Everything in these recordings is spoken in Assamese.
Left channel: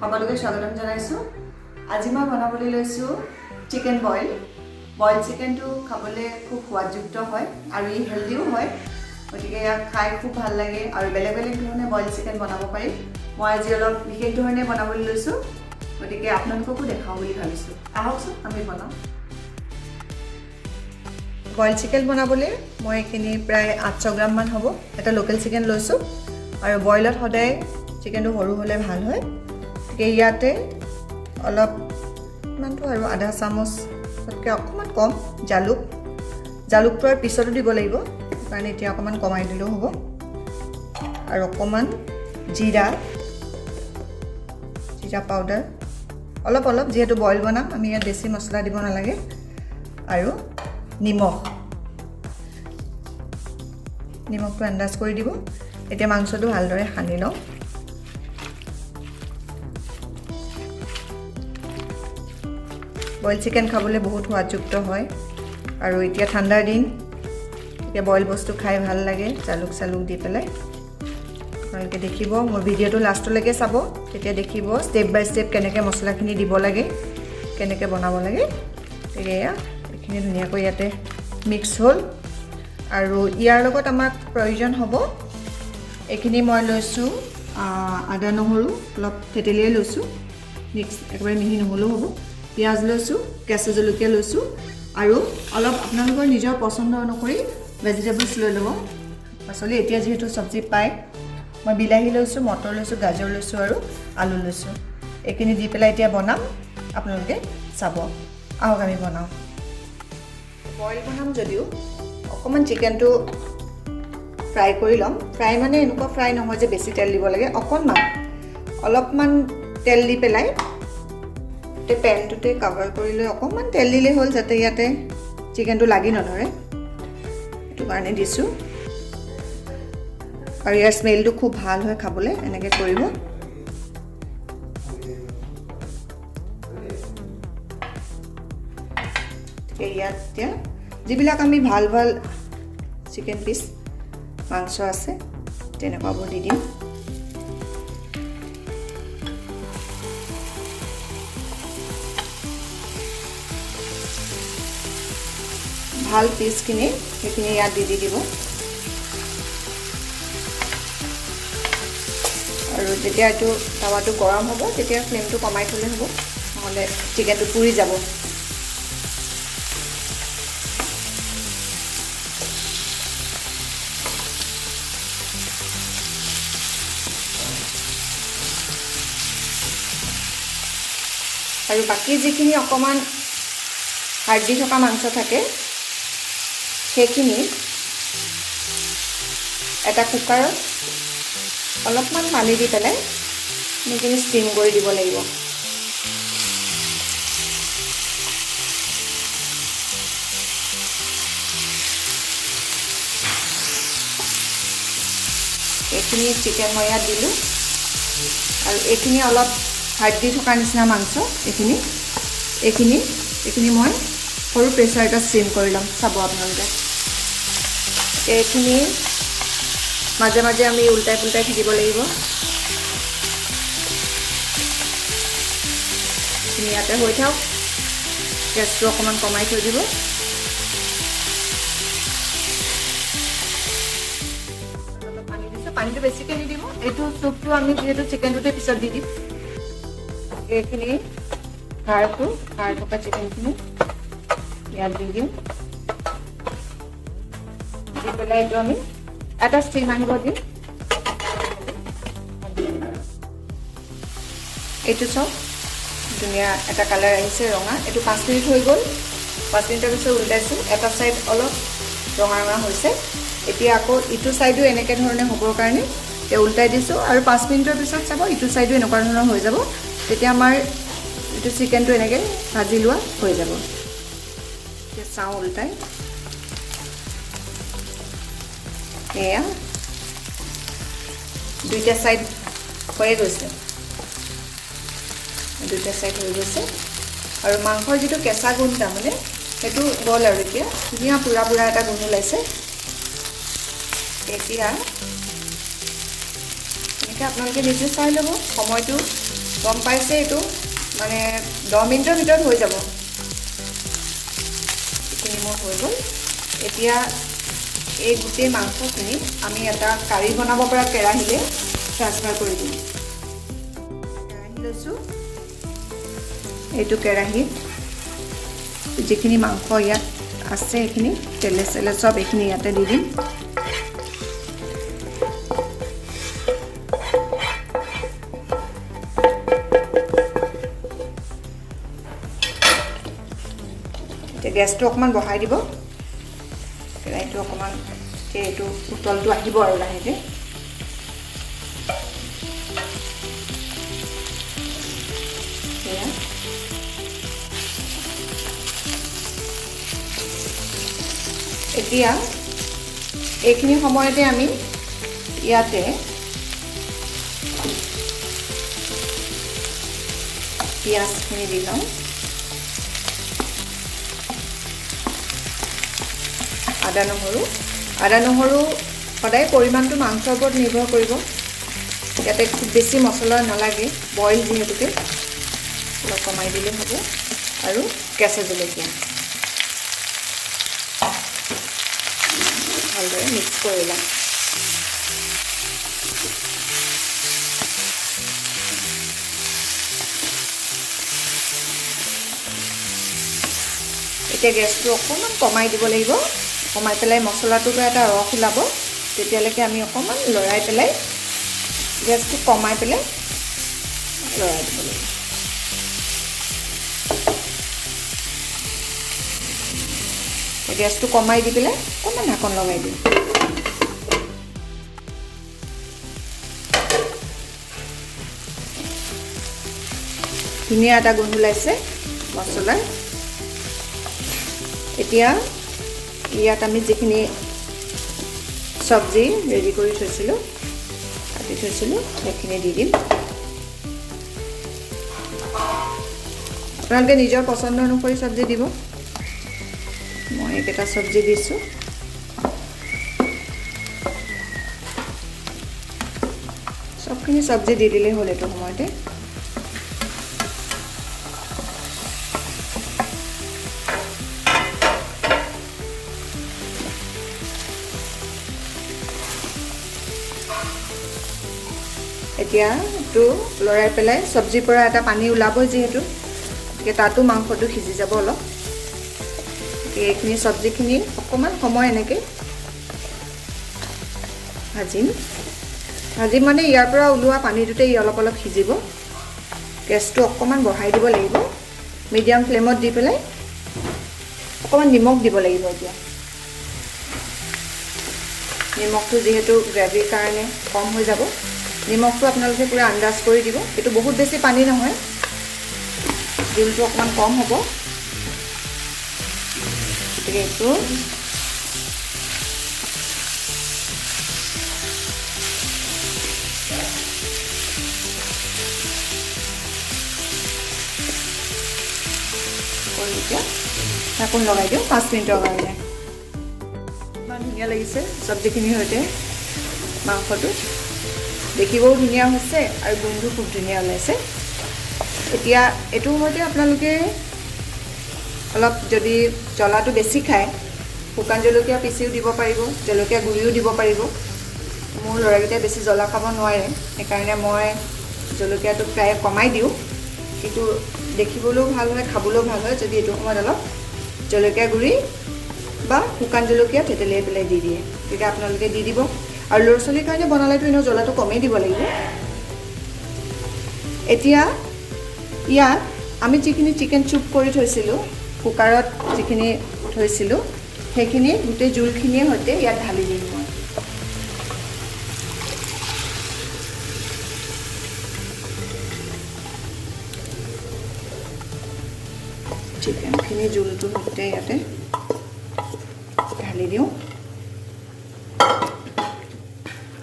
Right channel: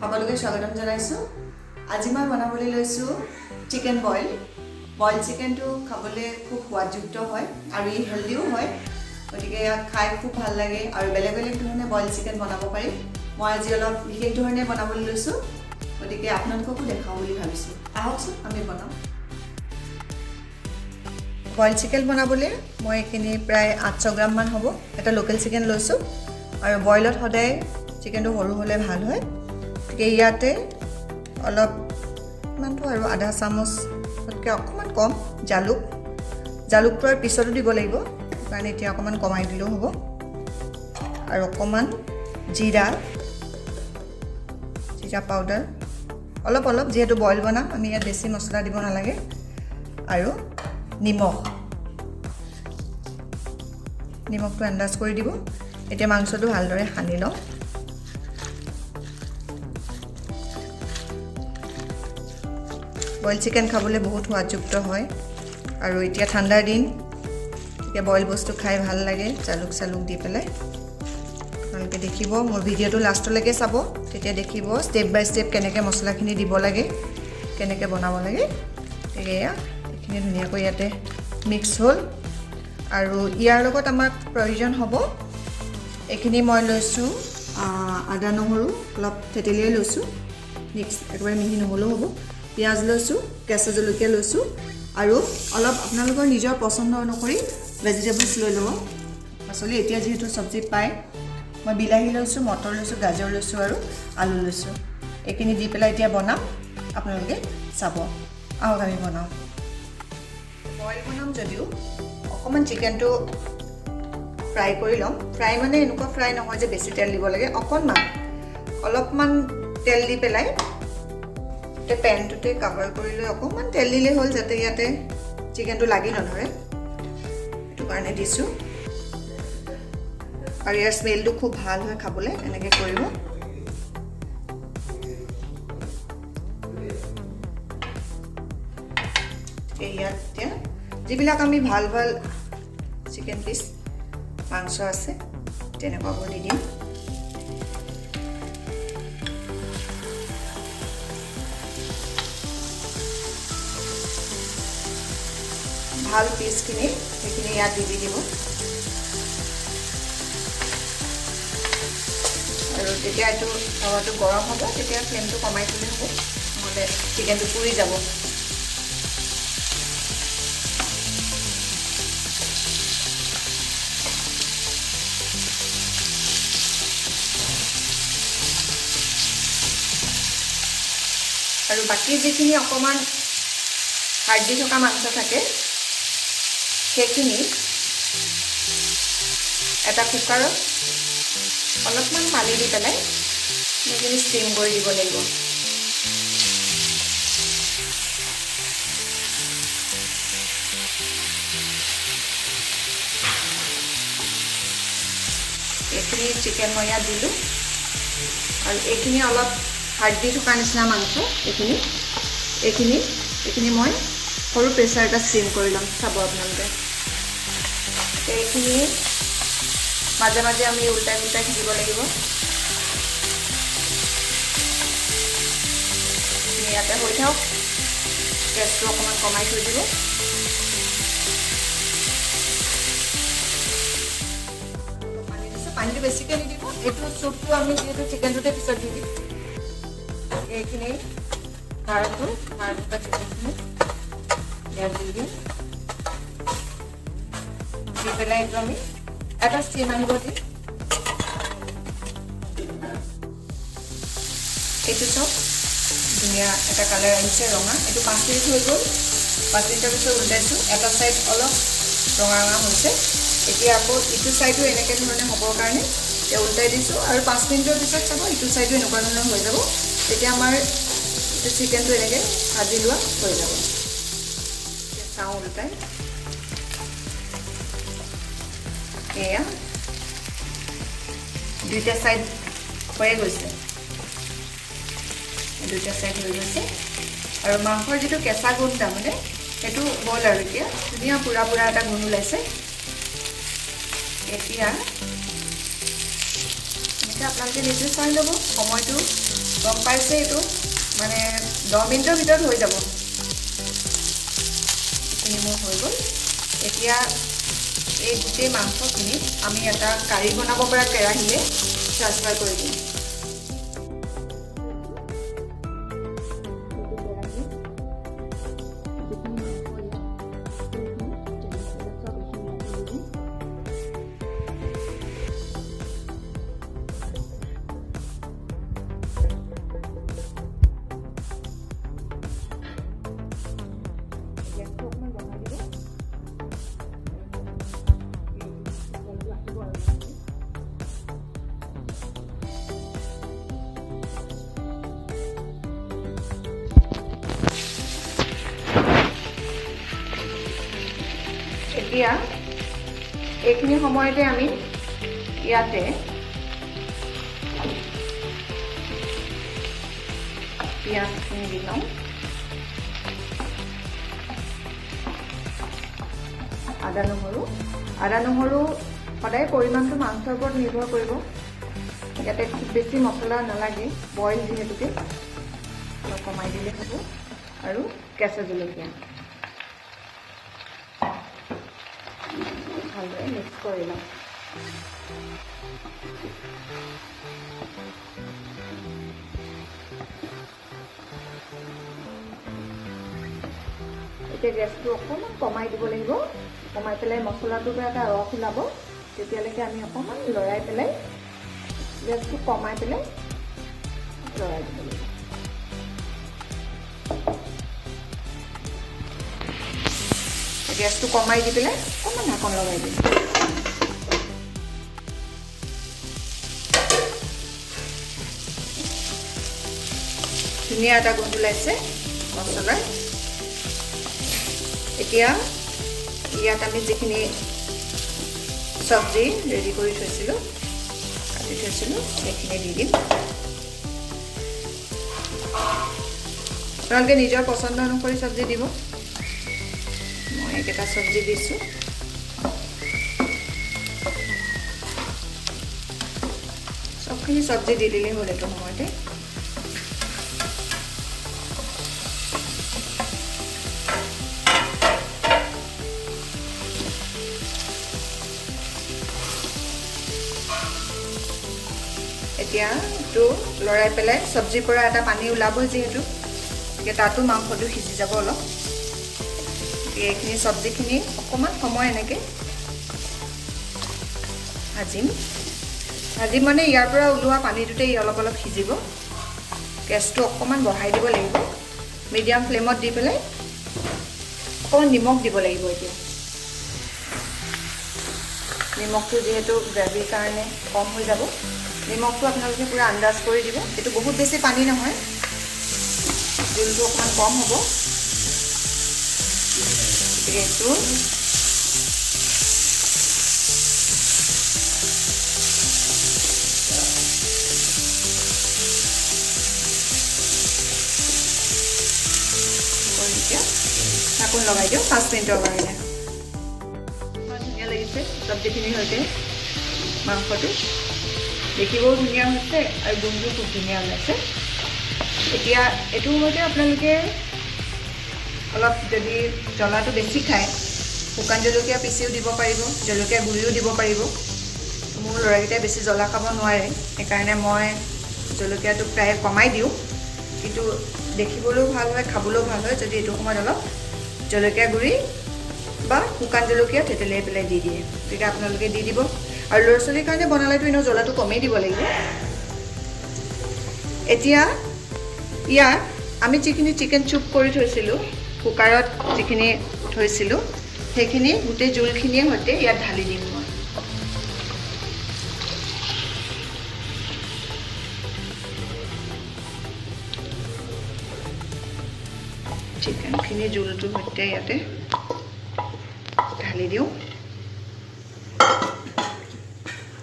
সকলোকে স্বাগতম জনাইছো। আজি মই বনাবলৈ লৈছো চিকেন বইল। বইল চিকেনটো খাবলৈ খুব সোৱাদযুক্ত হয় আৰু ই হেলদিও হয়। গতিকে ইয়াক খাই খুব ভাল লাগে আৰু বেলেগ বেলেগ ধৰণে বইল চিকেন বনাব পাৰি। মই আজি অলপ বিশেষ ধৰণে বনাবলৈ লৈছো। গতিকে আপোনালোককো দেখাও বুলি ভাবিছো। আহকচোন আমি বনাও। বইল চিকেন বনাবলৈ মই এখিনি প্ৰায় 800 গ্ৰাম মান হ'ব। এটা লোকেল চিকেন লৈছো আৰু বইলত সদায় চিকেনটো সৰু হ'লে ভাল হয়। গতিকে ইয়াতে অলপ মানটো আৰু আধা চামুচতকৈ অকণমান কম জালুকটো আৰু পিছতো দিব লাগিব, কাৰণ এতিয়া অকণমান কমাই দিলেও হ'ব। আৰু অকণমান জিৰা পাউডাৰ অলপ যিহেতু বইল বনাম আমি ইয়াত বেছি মছলা দিব নালাগে। আৰু নিমখটো আন্দাজ কৰি দিব। এতিয়া মাংসটো ভালদৰে সানি লওঁ। বইল চিকেন খাবলৈ বহুত সোৱাদযুক্ত হয় আৰু এতিয়া ঠাণ্ডাৰ দিন, এতিয়া বইল বস্তু খাই ভাল লাগে জালুক দি পেলাই। আপোনালোকে দেখিব মোৰ ভিডিঅ'টো লাষ্টলৈকে চাব, তেতিয়া দেখিব ষ্টেপ বাই ষ্টেপ কেনেকৈ মছলাখিনি দিব লাগে, কেনেকৈ বনাব লাগে। এয়া এইখিনি ধুনীয়াকৈ ইয়াতে মিক্স হ'ল আৰু ইয়াৰ লগত আমাক প্ৰয়োজন হ'ব এইখিনি মই লৈছোঁ আদা নহৰু অলপ থেতেলিয়াই লৈছোঁ, মিক্স একেবাৰে মিহি নহ'লেও হ'ব। পিঁয়াজ লৈছোঁ, কেঁচা জলকীয়া লৈছোঁ আৰু অলপ আপোনালোকৰ নিজৰ পচন্দ অনুসৰি ভেজিটেবলছ লৈ ল'ব। পাচলি এতিয়া যিহেতু চব্জি পায়, মই বিলাহী লৈছোঁ, মটৰ লৈছোঁ, গাজৰ লৈছোঁ আৰু আলু লৈছোঁ। এইখিনি দি পেলাই এতিয়া বনাম, আপোনালোকে চাব। আহক আমি বনাওঁ। বইল বনাম যদিও অকণমান চিকেনটো ফ্ৰাই কৰি ল'ম। ফ্ৰাই মানে এনেকুৱা ফ্ৰাই নহয় যে বেছি তেল দিব লাগে, অলপমান তেল দি পেলাই পেনটোতে কভাৰ কৰি লৈ অকণমান তেল দিলেই হ'ল, যাতে ইয়াতে চিকেনটো লাগি নধৰে, সেইটো কাৰণে দিছোঁ। আৰু ইয়াৰ স্মেলটো খুব ভাল হয় খাবলৈ, এনেকৈ কৰিব। ইয়াত এতিয়া যিবিলাক আমি ভাল চিকেন পিচ মাংস আছে তেনেকুৱাবোৰ দি দিম। ভাল পিচখিনি সেইখিনি ইয়াত দি দিব। আৰু যেতিয়া এইটো টাৱাটো গৰম হ'ব তেতিয়া ফ্লেমটো কমাই থ'লে হ'ব, নহ'লে চিকেনটো পুৰি যাব। আৰু বাকী যিখিনি অকণমান হাৰ্ডি থকা মাংস থাকে সেইখিনি এটা কুকাৰত অলপমান পানী দি পেলাই সেইখিনি ষ্টিম কৰি দিব লাগিব। এইখিনি চিকেন মই ইয়াত দিলোঁ আৰু এইখিনি অলপ হাৰ্ডি থকা নিচিনা মাংস, এইখিনি মই সৰু প্ৰেছাৰ এটা ষ্টিম কৰি ল'ম। চাব আপোনালোকে এইখিনি মাজে মাজে আমি উল্টাই থাকিব লাগিব। ইয়াতে হৈ থাকক, গেছটো অকণমান কমাই থৈ দিব। পানী দিছোঁ, পানীটো বেছিকৈ নিদিব। এইটো চুপটো আমি যিহেতু চিকেনটোতে পিছত দি দিম। এইখিনি খাৰ থকা চিকেনখিনি ইয়াত দি দিম। দি পেলাই এইটো আমি এটা ষ্টিম আহিব দিম। এইটো চব ধুনীয়া এটা কালাৰ আহিছে ৰঙা। এইটো 5 মিনিট হৈ গ'ল। 5 মিনিটৰ পিছত উল্টাইছোঁ, এটা ছাইড অলপ ৰঙা হৈছে। এতিয়া আকৌ ইটো ছাইডো এনেকৈ ধৰণে হ'বৰ কাৰণে এতিয়া উল্টাই দিছোঁ আৰু 5 মিনিটৰ পিছত চাব ইটো ছাইডো এনেকুৱা ধৰণৰ হৈ যাব। তেতিয়া আমাৰ এইটো চিকেনটো এনেকৈ ভাজি লোৱা হৈ যাব। এতিয়া চাওঁ উল্টাই, এয়া দুইটা ছাইড হৈয়ে গৈছে, আৰু মাংসৰ যিটো কেঁচা গোন্ধ তাৰমানে সেইটো গ'ল আৰু এতিয়া ধুনীয়া পুৰা এটা গোন্ধ ওলাইছে। এতিয়া এনেকৈ আপোনালোকে নিজে চাই ল'ব, সময়টো গম পাইছে এইটো মানে 10 মিনিটৰ ভিতৰত হৈ যাব। এইখিনি মোৰ হৈ গ'ল। এতিয়া এই গোটেই মাংসখিনি আমি এটা কাৰি বনাব পৰা কেৰাহীলৈ ট্ৰান্সফাৰ কৰি দিম। কেৰাহী লৈছোঁ, এইটো কেৰাহীত যিখিনি মাংস ইয়াত আছে এইখিনি তেলে চেলে চব এইখিনি ইয়াতে দি দিম। গেছটো অকণমান বঢ়াই দিব, কেৰাহীটো অকণমান এইটো উতলটো আহিব আৰু লাহেকৈ। এতিয়া এইখিনি সময়তে আমি ইয়াতে পিঁয়াজখিনি দি লওঁ। আদা নহৰু সদায় পৰিমাণটো মাংসৰ ওপৰত নিৰ্ভৰ কৰিব। ইয়াতে খুব বেছি মছলা নালাগে, বইল যিহেতুকে অলপ কমাই দিলে হ'ব। আৰু কেঁচা জলকীয়া ভালদৰে মিক্স কৰি লওঁ। এতিয়া গেছটো অকণমান কমাই দিব লাগিব। কমাই পেলাই মছলাটোৰ পৰা এটা ৰস ওলাব, তেতিয়ালৈকে আমি অকণমান লৰাই পেলাই গেছটো কমাই পেলাই লৰাই দিব লাগিব। গেছটো কমাই দি পেলাই অকণমান ঢাকন লগাই দিম। ধুনীয়া এটা গোন্ধ ওলাইছে মছলাৰ। এতিয়া ইয়াত আমি যিখিনি চব্জি ৰেডি কৰি থৈছিলোঁ, কাটি থৈছিলোঁ, সেইখিনি দি দিম। আপোনালোকে নিজৰ পচন্দ অনুসৰি চব্জি দিব। মই এইকেইটা চব্জি দিছোঁ। চবখিনি চব্জি দি দিলেই হ'ল এইটো সময়তে। এতিয়া এইটো লৰাই পেলাই চব্জিৰ পৰা এটা পানী ওলাব যিহেতু, গতিকে তাতো মাংসটো সিজি যাব অলপ। এইখিনি চব্জিখিনি অকণমান সময় এনেকৈ ভাজিম মানে ইয়াৰ পৰা ওলোৱা পানীটোতে অলপ অলপ সিজিব। গেছটো অকণমান বঢ়াই দিব লাগিব, মিডিয়াম ফ্লেমত দি পেলাই অকণমান নিমখ দিব লাগিব। এতিয়া নিমখটো যিহেতু গ্ৰেভিৰ কাৰণে কম হৈ যাব, নিমখটো আপোনালোকে পুৰা আন্দাজ কৰি দিব। এইটো বহুত বেছি পানী নহয়, জোলটো অকণমান কম হ'ব। গতিকে এইটো এতিয়া ঢাকোন লগাই দিওঁ 5 মিনিটৰ কাৰণে। ইমান ধুনীয়া লাগিছে চব্জিখিনিৰ সৈতে মাংসটো, দেখিবও ধুনীয়া হৈছে আৰু গোন্ধটো খুব ধুনীয়া ওলাইছে। এতিয়া এইটোৰ সৈতে আপোনালোকে অলপ যদি জ্বলাটো বেছি খায়, শুকান জলকীয়া পিচিও দিব পাৰিব, জলকীয়া গুড়িও দিব পাৰিব। মোৰ ল'ৰাকেইটাই বেছি জ্বলা খাব নোৱাৰে, সেইকাৰণে মই জলকীয়াটো প্ৰায় কমাই দিওঁ। কিন্তু দেখিবলৈও ভাল হয়, খাবলৈও ভাল হয় যদি এইটো সময়ত অলপ জলকীয়া গুড়ি বা শুকান জলকীয়া থেতেলিয়াই পেলাই দি দিয়ে, তেতিয়া আপোনালোকে দি দিব। আৰু ল'ৰা ছোৱালীৰ কাৰণে বনালেতো এনেও জ্বলাটো কমেই দিব লাগিব। এতিয়া ইয়াত আমি যিখিনি চিকেন চুপ কৰি থৈছিলোঁ, কুকাৰত যিখিনি থৈছিলোঁ, সেইখিনি গোটেই জোলখিনিৰ সৈতে ইয়াত ঢালি দিম মই। চিকেনখিনি জোলটোৰ সৈতে ইয়াতে ঢালি দিওঁ।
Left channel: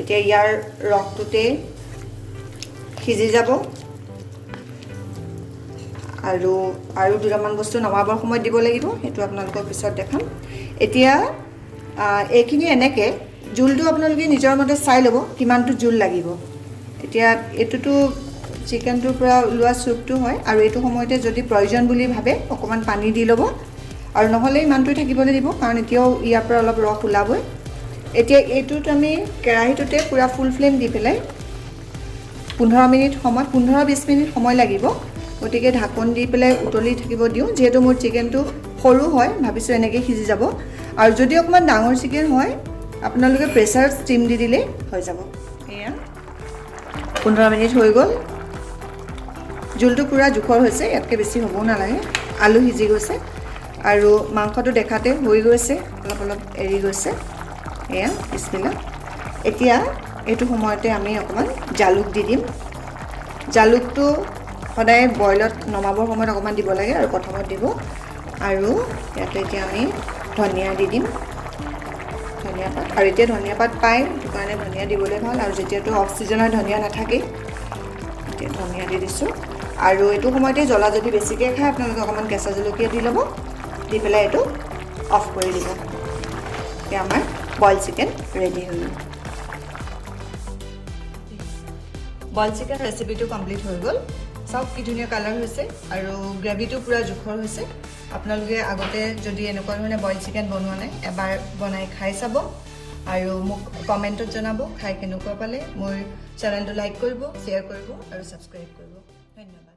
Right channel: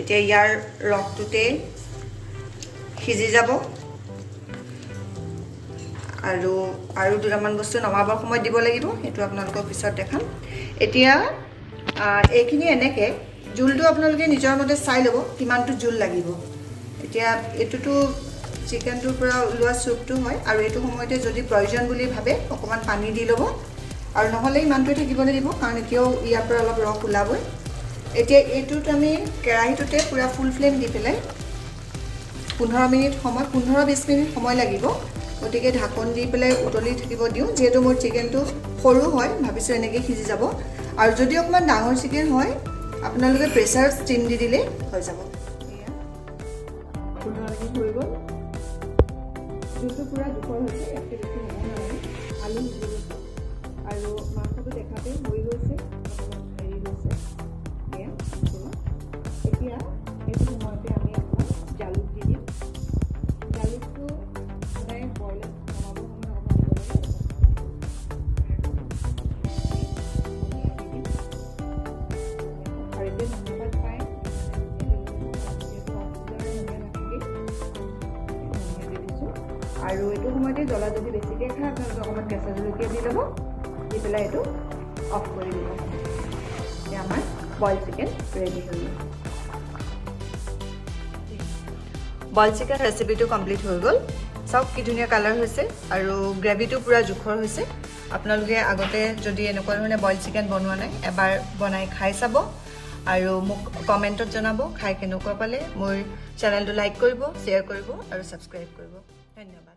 এতিয়া ইয়াৰ ৰসটোতে সিজি যাব আৰু দুটামান বস্তু নমাবৰ সময়ত দিব লাগিব, সেইটো আপোনালোকক পিছত দেখাম। এতিয়া এইখিনি এনেকৈ জোলটো আপোনালোকে নিজৰ মতে চাই ল'ব কিমানটো জোল লাগিব। এতিয়া এইটোতো চিকেনটোৰ পৰা ওলোৱা চুপটো হয় আৰু এইটো সময়তে যদি প্ৰয়োজন বুলি ভাবে অকণমান পানী দি ল'ব আৰু নহ'লে ইমানটোৱে থাকিবলৈ দিব কাৰণ এতিয়াও ইয়াৰ পৰা অলপ ৰস ওলাবই এতিয়া এইটোত আমি কেৰাহীটোতে পুৰা ফুল ফ্লেম দি পেলাই 15 মিনিট সময় 15-20 মিনিট সময় লাগিব গতিকে ঢাকন দি পেলাই উতলি থাকিব দিওঁ যেহেতু মোৰ চিকেনটো সৰু হয় ভাবিছোঁ এনেকৈ সিজি যাব আৰু যদি অকণমান ডাঙৰ চিকেন হয় আপোনালোকে প্ৰেছাৰ ষ্টিম দি দিলে হৈ যাব এয়া 15 মিনিট হৈ গ'ল জোলটো পুৰা জোখৰ হৈছে ইয়াতকৈ বেছি হ'বও নালাগে আলু সিজি গৈছে আৰু মাংসটো দেখাতে হৈ গৈছে অলপ অলপ এৰি গৈছে এয়া বিছমিল্লাহ এতিয়া এইটো সময়তে আমি অকণমান জালুক দি দিম জালুকটো সদায় বইলত নমাবৰ সময়ত অকণমান দিব লাগে আৰু প্ৰথমত দিব আৰু ইয়াতে এতিয়া আমি ধনিয়া দি দিম ধনিয়া পাত আৰু এতিয়া ধনিয়া পাত পায় সেইটো কাৰণে ধনিয়া দিবলৈ ভাল আৰু যেতিয়াতো অফ ছিজনৰ ধনিয়া নাথাকে এতিয়া ধনিয়া দি দিছোঁ আৰু এইটো সময়তে জ্বলা যদি বেছিকৈ খায় আপোনালোকে অকণমান কেঁচা জলকীয়া দি ল'ব দি পেলাই এইটো অফ কৰি দিব এতিয়া আমাৰ বইল চিকেন ৰেডি হৈ গ'ল বইল চিকেন ৰেচিপিটো কমপ্লিট হৈ গ'ল চাওক কি ধুনীয়া কালাৰ হৈছে আৰু গ্ৰেভিটো পুৰা জোখৰ হৈছে আপোনালোকে আগতে যদি এনেকুৱা ধৰণে বইল চিকেন বনোৱা নাই এবাৰ বনাই খাই চাব আৰু মোক কমেণ্টত জনাব খাই কেনেকুৱা পালে মোৰ চেনেলটো লাইক কৰিব শ্বেয়াৰ কৰিব আৰু ছাবস্ক্ৰাইব কৰিব ধন্যবাদ